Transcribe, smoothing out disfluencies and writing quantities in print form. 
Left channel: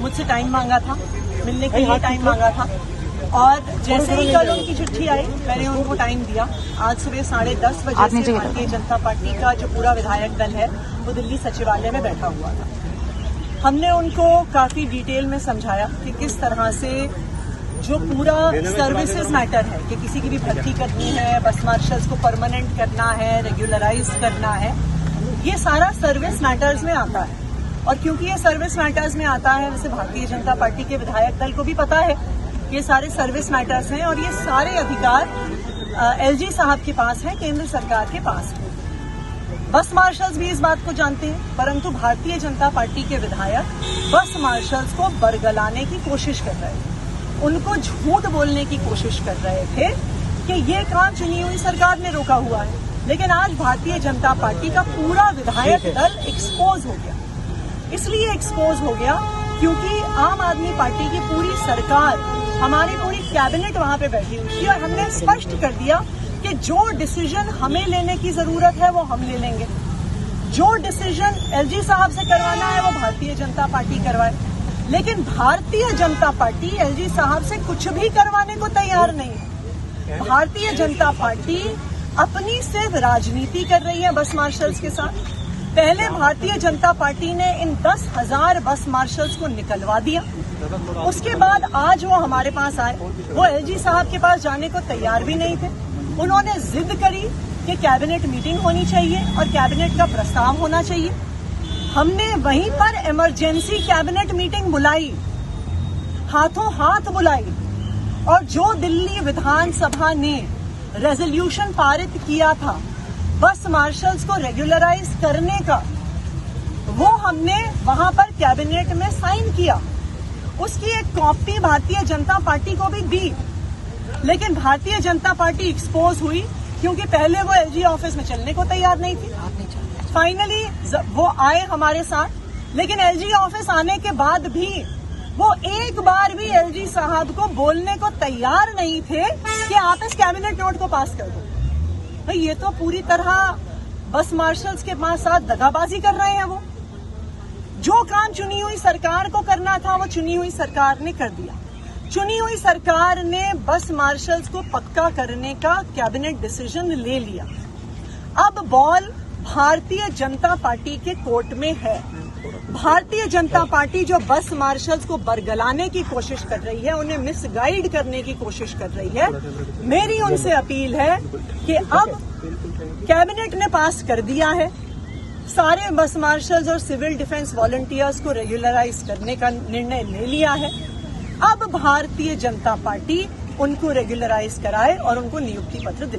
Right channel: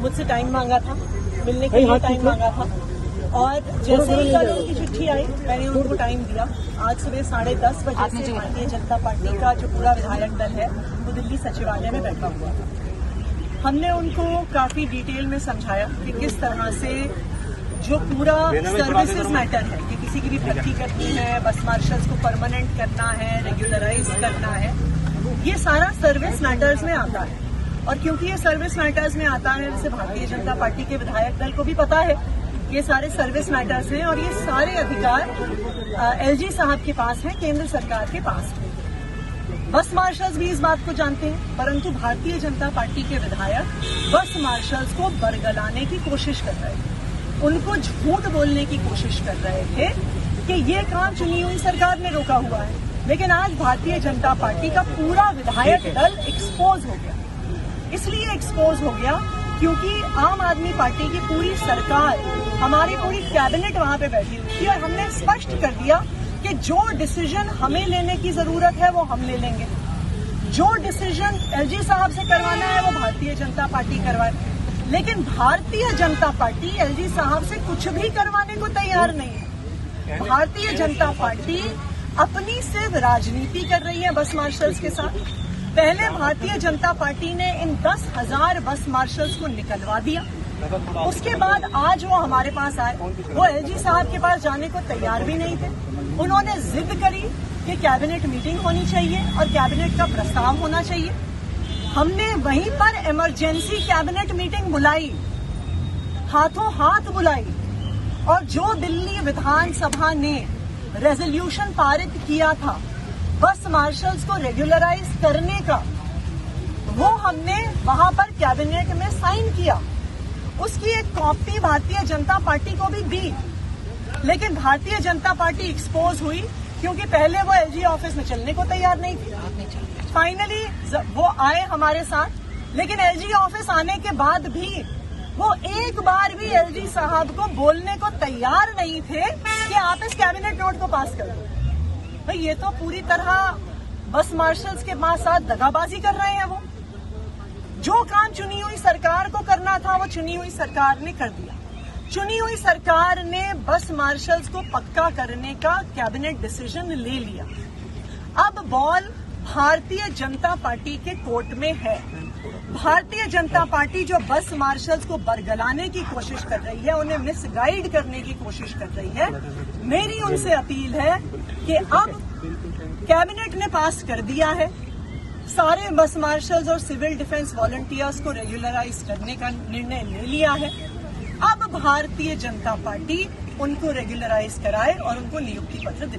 मुझसे टाइम मांगा था, मिलने के लिए टाइम मांगा था और जैसे ही कल उनकी चिट्ठी आई मैंने उनको टाइम दिया। आज सुबह 10:30 बजे से भारतीय जनता पार्टी का जो पूरा विधायक दल है वो दिल्ली सचिवालय में बैठा हुआ है। हमने उनको काफी डिटेल में समझाया कि किस तरह से जो पूरा सर्विसेज मैटर है कि किसी की भी भर्ती करनी है, बस मार्शल्स को परमानेंट करना है, रेगुलराइज करना है, ये सारा सर्विस मैटर्स में आता है। और क्योंकि ये सर्विस मैटर्स में आता है वैसे भारतीय जनता पार्टी के विधायक दल को भी पता है ये सारे सर्विस मैटर्स हैं और ये सारे अधिकार एलजी साहब के पास हैं, केंद्र सरकार के पास है। बस मार्शल्स भी इस बात को जानते हैं, परंतु भारतीय जनता पार्टी के विधायक बस मार्शल्स को बरगलाने की कोशिश कर रहे थे, उनको झूठ बोलने की कोशिश कर रहे थे कि ये काम चुनी हुई सरकार ने रोका हुआ है। लेकिन आज भारतीय जनता पार्टी का पूरा विधायक दल एक्सपोज हो गया। इसलिए एक्सपोज हो गया क्योंकि आम आदमी पार्टी की पूरी सरकार, हमारी पूरी कैबिनेट वहां पे बैठी हुई थी और हमने स्पष्ट कर दिया कि जो डिसीजन हमें लेने की जरूरत है वो हम ले लेंगे, जो डिसीजन एलजी साहब से करवाना है वो भारतीय जनता पार्टी करवाए। लेकिन भारतीय जनता पार्टी एलजी साहब से कुछ भी करवाने को तैयार नहीं है। भारतीय जनता पार्टी अपनी सिर्फ राजनीति कर रही है बस मार्शल्स के साथ। पहले भारतीय जनता पार्टी ने इन 10,000 बस मार्शल्स को निकलवा दिया, उसके बाद आज वो हमारे पास आए, वो एलजी साहब के पास जाने को तैयार भी नहीं थे। उन्होंने जिद करी कि कैबिनेट मीटिंग होनी चाहिए और कैबिनेट का प्रस्ताव होना चाहिए। हमने वहीं पर इमरजेंसी कैबिनेट मीटिंग बुलाई, हाथों हाथ बुलाई, और जो दिल्ली विधानसभा ने रेजोल्यूशन पारित किया था बस मार्शल्स को रेगुलराइज करने का, वो हमने वहां पर कैबिनेट में साइन किया। उसकी एक कॉपी भारतीय जनता पार्टी को भी दी, लेकिन भारतीय जनता पार्टी एक्सपोज हुई क्योंकि पहले वो एलजी ऑफिस में चलने को तैयार नहीं थी। फाइनली वो आए हमारे साथ, लेकिन एलजी ऑफिस आने के बाद भी वो एक बार भी एलजी साहब को बोलने को तैयार नहीं थे कि आप इस कैबिनेट नोट को पास कर दो। तो ये तो पूरी तरह बस मार्शल्स के साथ दगाबाजी कर रहे हैं। वो जो काम चुनी हुई सरकार को करना था वो चुनी हुई सरकार ने कर दिया। चुनी हुई सरकार ने बस मार्शल्स को पक्का करने का कैबिनेट डिसीजन ले लिया। अब बॉल भारतीय जनता पार्टी के कोर्ट में है। भारतीय जनता पार्टी जो बस मार्शल्स को बरगलाने की कोशिश कर रही है, उन्हें मिसगाइड करने की कोशिश कर रही है, मेरी उनसे अपील है कि अब कैबिनेट ने पास कर दिया है, सारे बस मार्शल्स और सिविल डिफेंस वॉलंटियर्स को रेगुलराइज करने का निर्णय ले लिया है। अब भारतीय जनता पार्टी उनको रेगुलराइज कराए और उनको नियुक्ति पत्र दे।